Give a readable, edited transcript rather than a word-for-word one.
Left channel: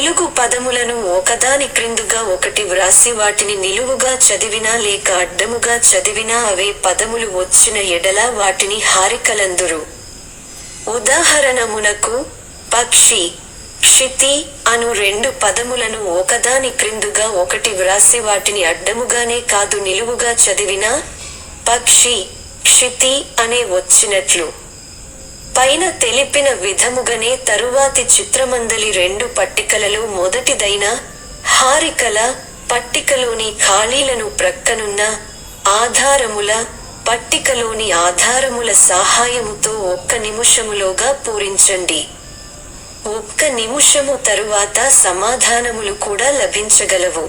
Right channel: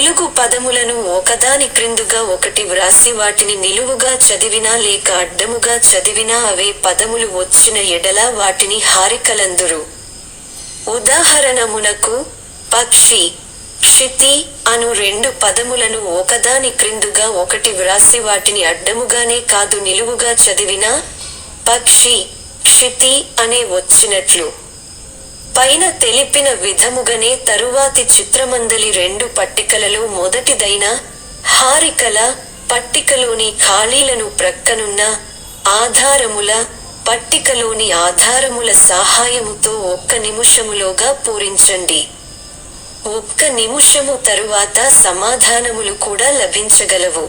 తెలుగు పదములను ఒకదాని క్రిందుగా ఒకటి వ్రాసి వాటిని నిలువుగా చదివినా లేక అడ్డముగా చదివినా అవే పదములు వచ్చిన ఎడల వాటిని హారికలందురు. ఉదాహరణమునకు పక్షి, క్షితి అను రెండు పదములను ఒకదాని క్రిందుగా ఒకటి వ్రాసి వాటిని అడ్డముగానే కాదు నిలువుగా చదివినా పక్షి, క్షితి అనే వచ్చినట్లు. పైన తెలిపిన విధముగనే తరువాతి చిత్రమందలి రెండు పట్టికలలో మొదటిదైన హారికల పట్టికలోని ఖాళీలను ప్రక్కనున్న ఆధారముల పట్టికలోని ఆధారముల సహాయముతో 1 నిమిషములోగా పూరించండి. 1 నిమిషము తరువాత సమాధానములు కూడా లభించగలవు.